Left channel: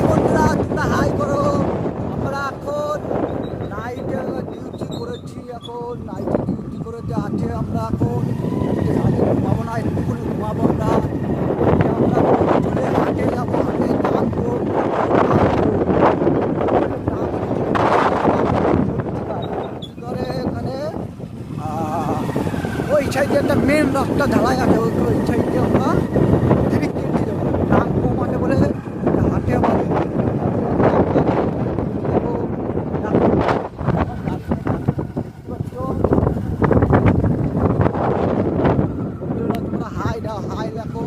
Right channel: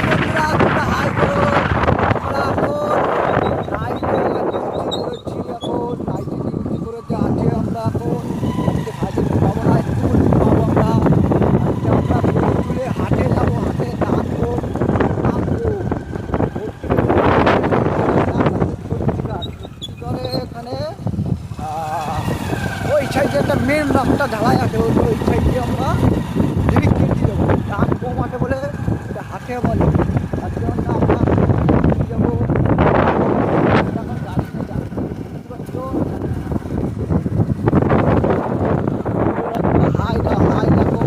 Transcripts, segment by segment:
High বন্ধুরা, তোমরা high করো। আমরা এখন নাইটে ডিউটি করেছি, এখন নাইটে ডিউটি করেতে আছে। আমরা এখন আজকে নাইটে পাবো না, একটু পাবো আমরা। আমরা তুলে হাটে যাবো, হাটে নামবো করে এখানে ওই সাইডে একটা মেন রাস্তা ঢালাই আছে, ওই সাইডে আমরা জিনিস কিনতে যাবো। দাম কম আছে বলে হাটে বলে হাই না হাই দেখো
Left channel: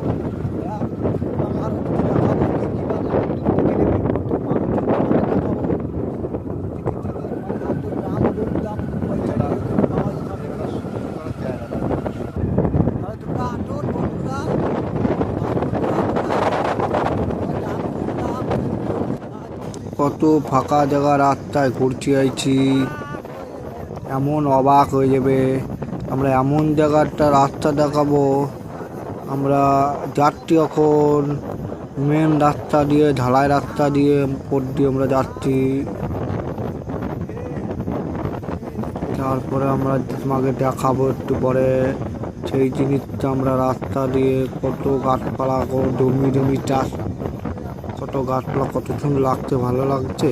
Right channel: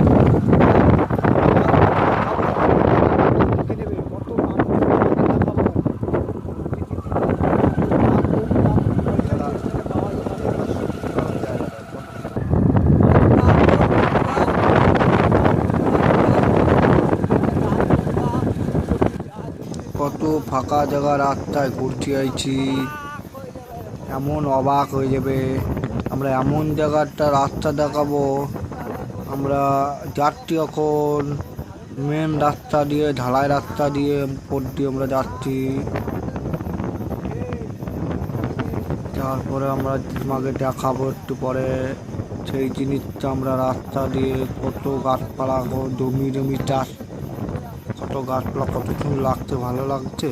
কত ফাঁকা জায়গা রাস্তায় ঘুরতে আইছি, এমন অবাক হয়ে যাবে। আমরা এমন জায়গাটা রাস্তা দেখাবো। আমরা যাচ্ছি এখন মেন রাস্তা দিয়ে, ঢালাই রাস্তা দিয়ে উপর দিয়ে আমরা যাচ্ছি। তারপরে আমরা তোমাকে দেখাবো একটু পরে সেই জিনিসটা। আমরা রাস্তা দিয়ে কত গাছপালা, জমি জমি চাষ, কত গাছপালা, কত সুন্দর লাগছে, ভালো লাগছে।